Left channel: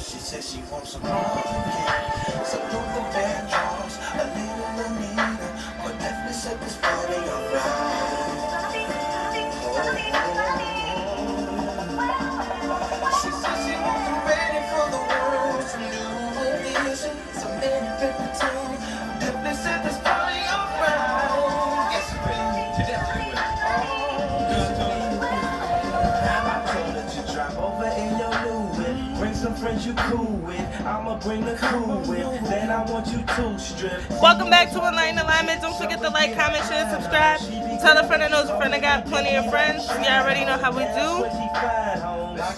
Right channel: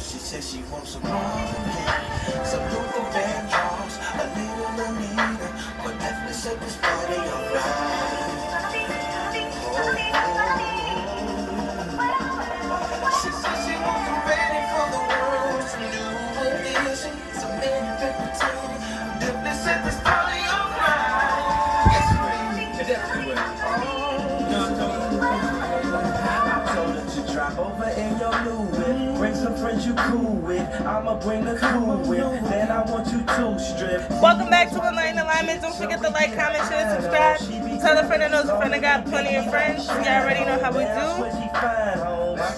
She says she wants some more, some Google band drums, a little Anita, but definitely set this party alright. She says she wants some ready for the world, some new ideas, some entertaining, definitely set this party alright. Yes, you definitely will. Drop over in your Louis. Bring some friends you cool with. I'ma bring the cool with. Then I want you to strip. Welcome back to Enlighten Alignment. Don't forget to like, comment, share, subscribe. Tell a friend that knows a friend that got plenty of friends. You already know how we do.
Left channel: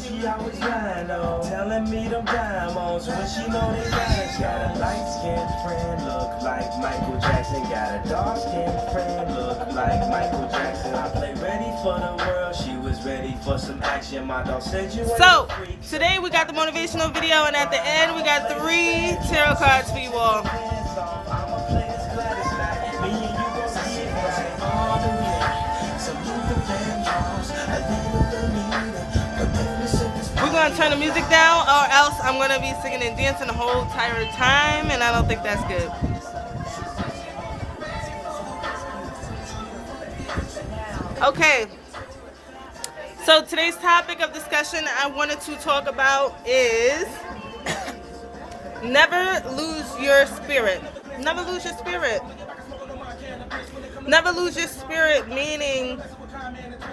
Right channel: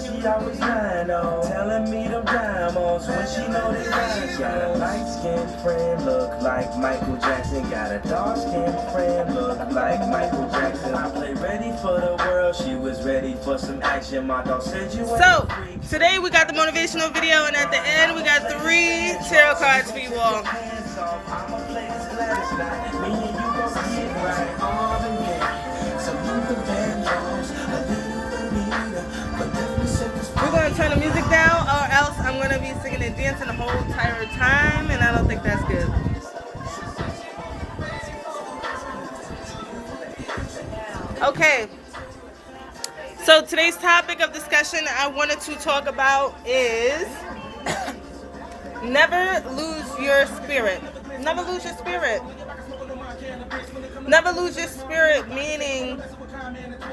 She always lying on, telling me them diamonds when she know they got a light-skinned friend look like Michael Jackson. Got a dark-skinned friend look like Michael Jackson. I play ready for the world. She was ready for some action. My dog said you ain't So, a freak. today we got the motivational video, and at the end we got 3 tarot cards for you all. Hands off, I'ma play this Gladys now. Me and you gon' get right all the way. So you can band drums, a little Anita, but definitely set this We're going to turn the music down, or else I'm going to be singing and dancing the whole entire time, and I don't think that's good. Okay. So today's topic of discussion I wanted to talk about is never lose your spirit. Never lose your spirit. Never lose your spirit, meaning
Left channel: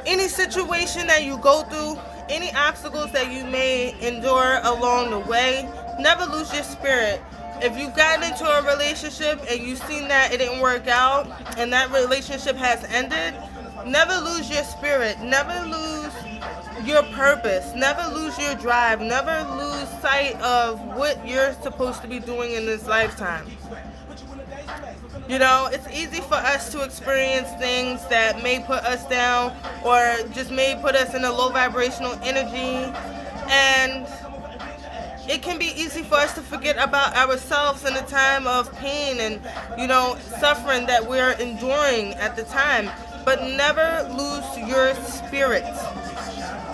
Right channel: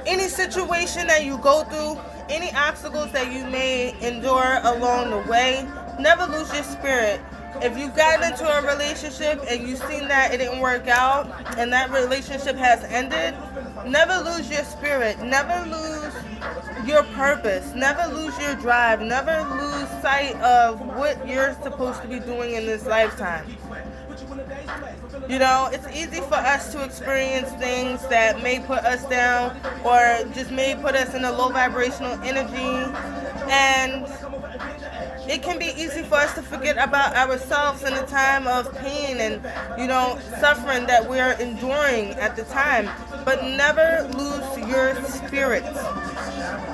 any situation that you go through, any obstacles that you may endure along the way, never lose your spirit. If you've gotten into a relationship and you've seen that it didn't work out and that relationship has ended, never lose your spirit. Never lose your purpose. Never lose your drive. Never lose sight of what you're supposed to be doing in this lifetime. You know, it's easy for us to experience things that may put us down or just may put us in a low vibrational energy, and it can be easy for us to forget about ourselves in a time of pain and, you know, suffering that we're enduring at the time. But never lose your spirit.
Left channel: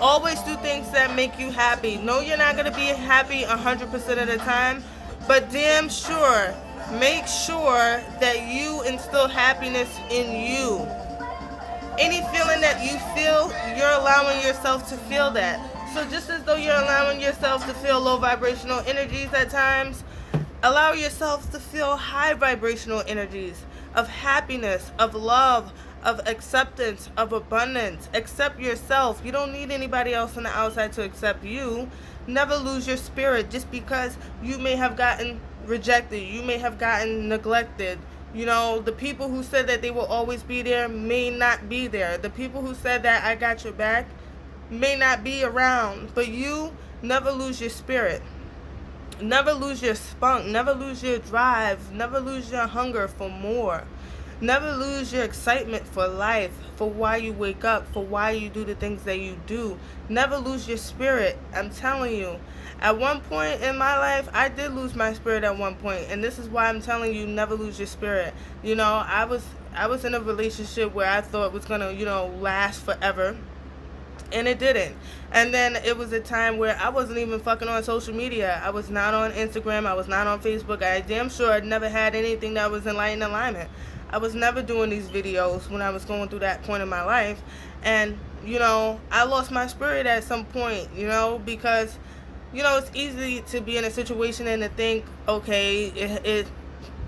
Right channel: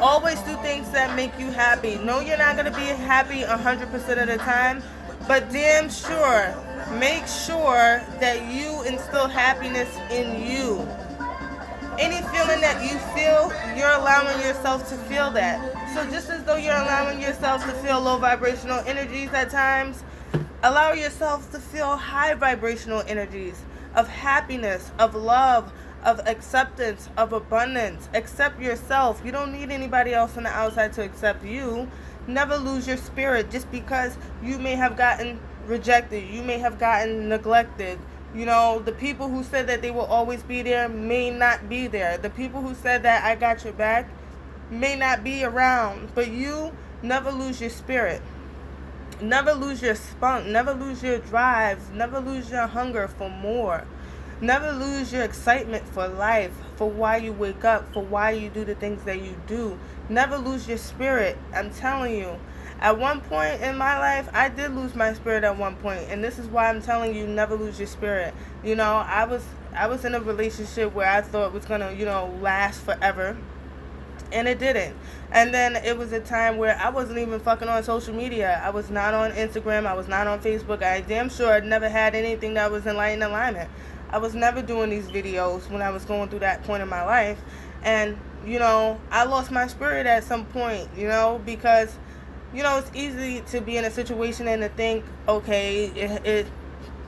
Always do things that make you happy. No, you're not going to be happy 100% of the time, but damn sure, make sure that you instill happiness in you. Any feeling that you feel, you're allowing yourself to feel that. So just as though you're allowing yourself to feel low vibrational energies at times, allow yourself to feel high vibrational energies of happiness, of love, of acceptance, of abundance. Accept yourself. You don't need anybody else on the outside to accept you. Never lose your spirit just because you may have gotten rejected. You may have gotten neglected. You know, the people who said that they will always be there may not be there. The people who said that I got your back may not be around. But you never lose your spirit. Never lose your spunk. Never lose your drive. Never lose your hunger for more. Never lose your excitement for life, for why you wake up, for why you do the things that you do. Never lose your spirit. I'm telling you. At one point in my life, I did lose my spirit at one point, and this is why I'm telling you, never lose your spirit. You know, I was in a relationship where I thought it was gonna, you know, last forever, and it didn't. And then it was a time where I wasn't even fucking on social media. I was not on Instagram. I was not on Facebook. I damn sure I'd never had anything that was Enlighten Alignment. I was never doing these videos when I was going through that point in my life. And, you know, I lost my spirit at some point, you know, because, you know, it's easy to be in a situation and to think, okay, it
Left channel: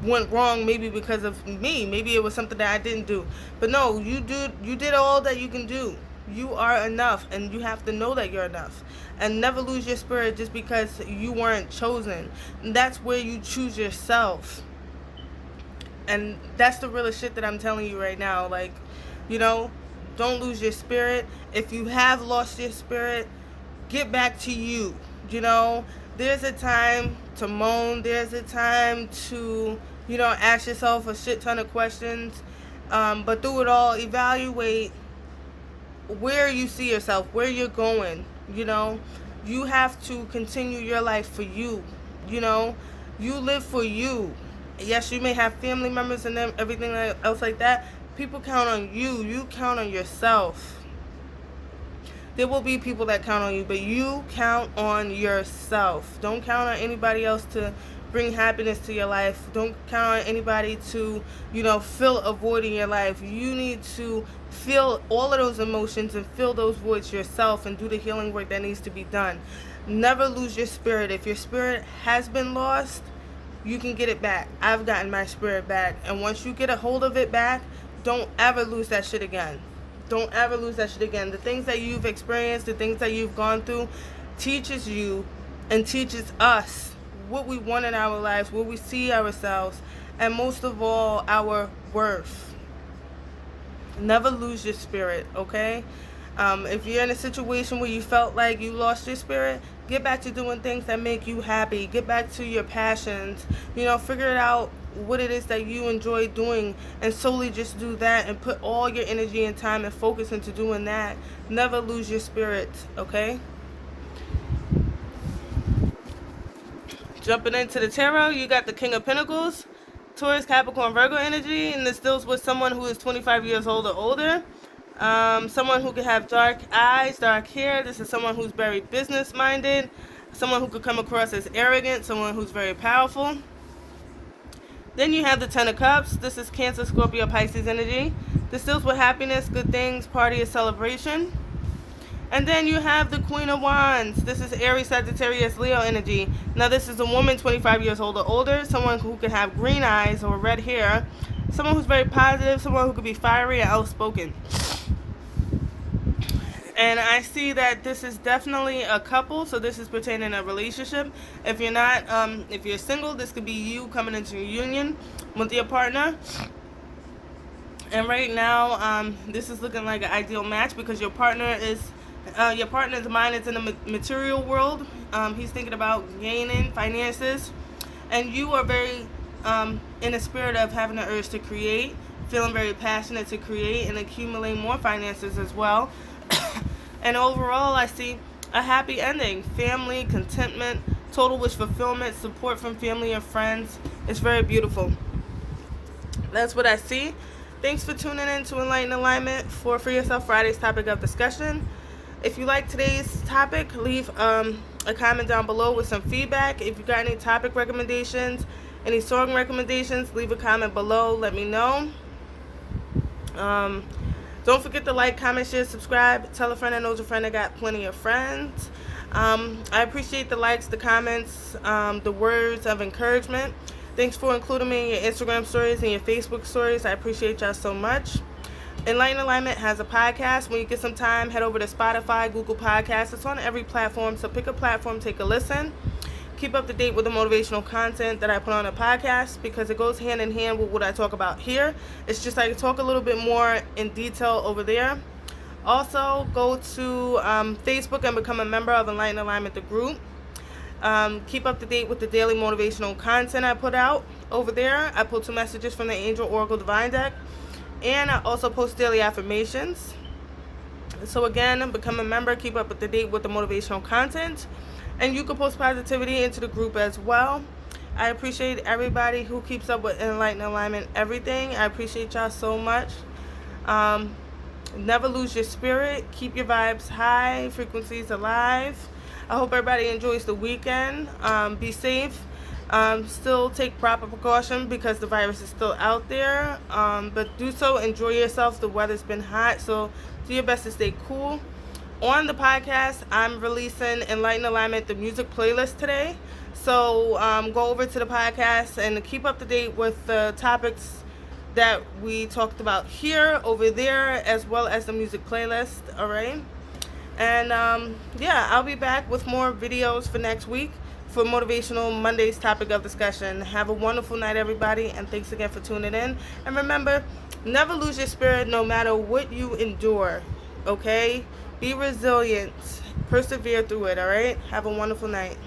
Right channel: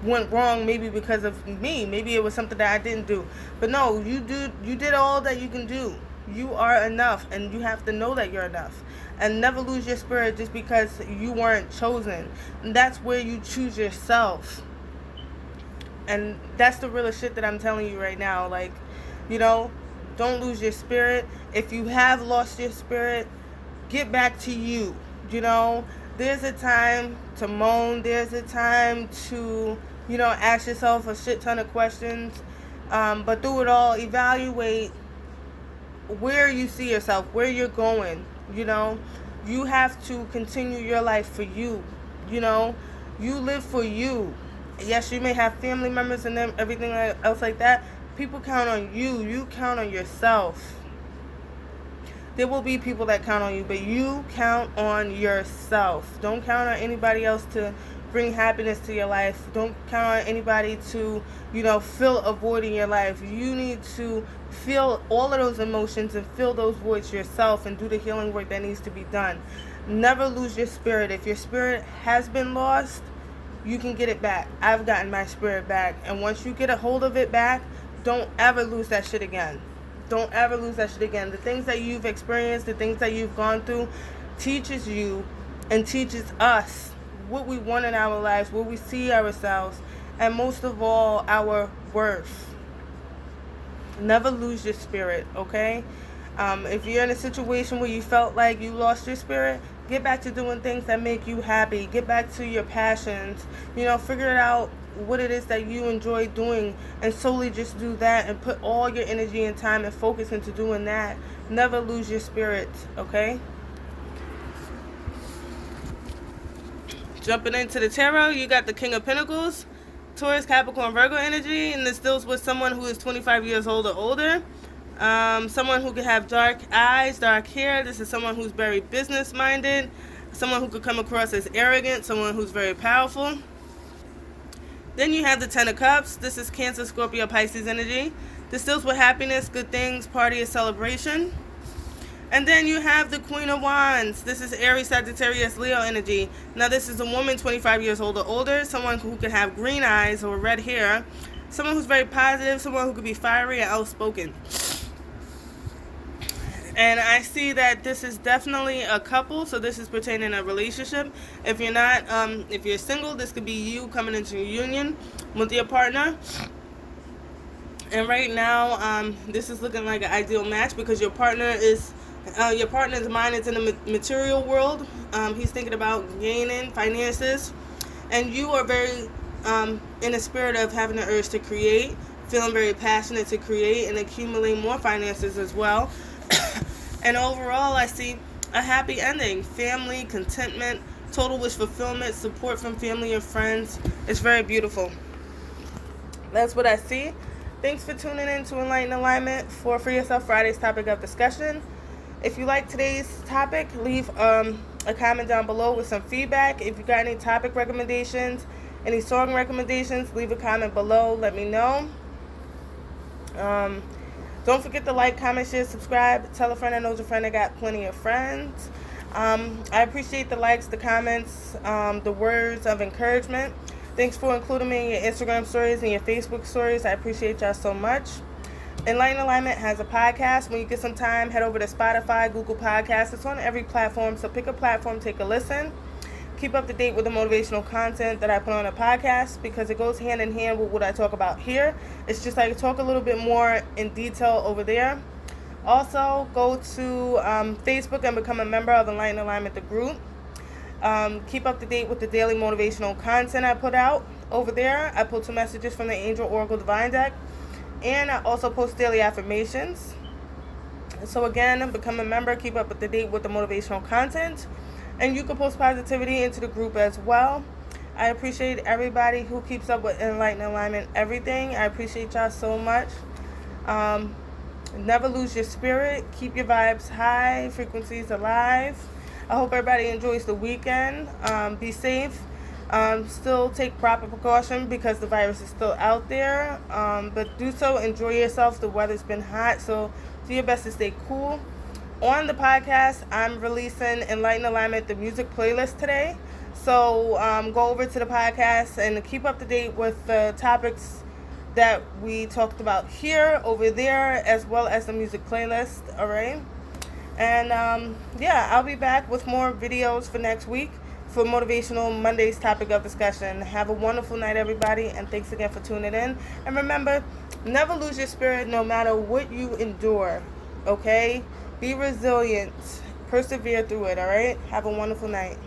went wrong maybe because of me. Maybe it was something that I didn't do. But no, you did all that you can do. You are enough, and you have to know that you're enough. And never lose your spirit just because you weren't chosen. And that's where you choose yourself. And that's the realest shit that I'm telling you right now. Like, you know, don't lose your spirit. If you have lost your spirit, get back to you. You know, there's a time to moan. There's a time to, you know, ask yourself a shit ton of questions. But through it all, evaluate where you see yourself, where you're going. You know, you have to continue your life for you. You know, you live for you. Yes, you may have family members and them, everything else like that. People count on you. You count on yourself. There will be people that count on you, but you count on yourself. Don't count on anybody else to bring happiness to your life. Don't count on anybody to, fill a void in your life. You need to feel all of those emotions and fill those voids yourself and do the healing work that needs to be done. Never lose your spirit. If your spirit has been lost, you can get it back. I've gotten my spirit back. And once you get a hold of it back, don't ever lose that shit again. Don't ever lose that shit again. The things that you've experienced, the things that you've gone through, teaches you and teaches us what we want in our lives, what we see ourselves, and most of all, our worth. Never lose your spirit, okay? If you're in a situation where you felt like you lost your spirit, get back to doing things that make you happy. Get back to your passions. Figure it out what it is that you enjoy doing and solely just do that and put all your energy and time and focus into doing that. Never lose your spirit, okay? Jumping into the tarot, you got the King of Pentacles, Taurus, Capricorn, Virgo energy, and this deals with someone who is 25 years old or older. Someone who could have dark eyes, dark hair. This is someone who's very business-minded, someone who could come across as arrogant, someone who's very powerful. Then you have the Ten of Cups. This is Cancer, Scorpio, Pisces energy. This deals with happiness, good things, party, or celebration. And then you have the Queen of Wands. This is Aries, Sagittarius, Leo energy. Now this is a woman 25 years old or older, someone who could have green eyes or red hair, someone who's very positive, someone who could be fiery and outspoken. And I see that this is definitely a couple, so this is pertaining to a relationship. If you're not, if you're single, this could be you coming into a union with your partner. And right now, this is looking like an ideal match because your partner's mind is in the material world. He's thinking about gaining finances, and you are very in the spirit of having the urge to create, feeling very passionate to create and accumulate more finances as well. And overall, I see a happy ending, family, contentment, total wish fulfillment, support from family and friends. It's very beautiful. That's what I see. Thanks for tuning in to Enlighten Alignment for Free Yourself Friday's topic of discussion. If you like today's topic, leave a comment down below with some feedback. If you got any topic recommendations, any song recommendations, leave a comment below. Let me know. Don't forget to like, comment, share, subscribe. Tell a friend that knows a friend that got plenty of friends. I appreciate the likes, the comments, the words of encouragement. Thanks for including me in your Instagram stories and your Facebook stories. I appreciate y'all so much. Enlighten Alignment has a podcast. When you get some time, head over to Spotify, Google Podcasts. It's on every platform, so pick a platform, take a listen. Keep up to date with the motivational content that I put on a podcast because it goes hand in hand with what I talk about here. It's just I talk a little bit more in detail over there. Also, go to Facebook and become a member of Enlighten Alignment, the group. Keep up to date with the daily motivational content I put out over there. I pull 2 messages from the Angel Oracle Divine deck, and I also post daily affirmations. So again, become a member, keep up to date with the motivational content, and you can post positivity into the group as well. I appreciate everybody who keeps up with Enlighten Alignment, everything. I appreciate y'all so much. Never lose your spirit. Keep your vibes high, frequencies alive. I hope everybody enjoys the weekend. Be safe. Still take proper precaution because the virus is still out there. But do so. Enjoy yourselves. The weather's been hot, so do your best to stay cool. On the podcast, I'm releasing Enlighten Alignment, the music playlist today. So go over to the podcast and keep up to date with the topics that we talked about here, over there, as well as the music playlist. All right. And yeah, I'll be back with more videos for next week for Motivational Monday's topic of discussion. Have a wonderful night, everybody, and thanks again for tuning in. And remember, never lose your spirit no matter what you endure, okay? Be resilient. Persevere through it, all right? Have a wonderful night.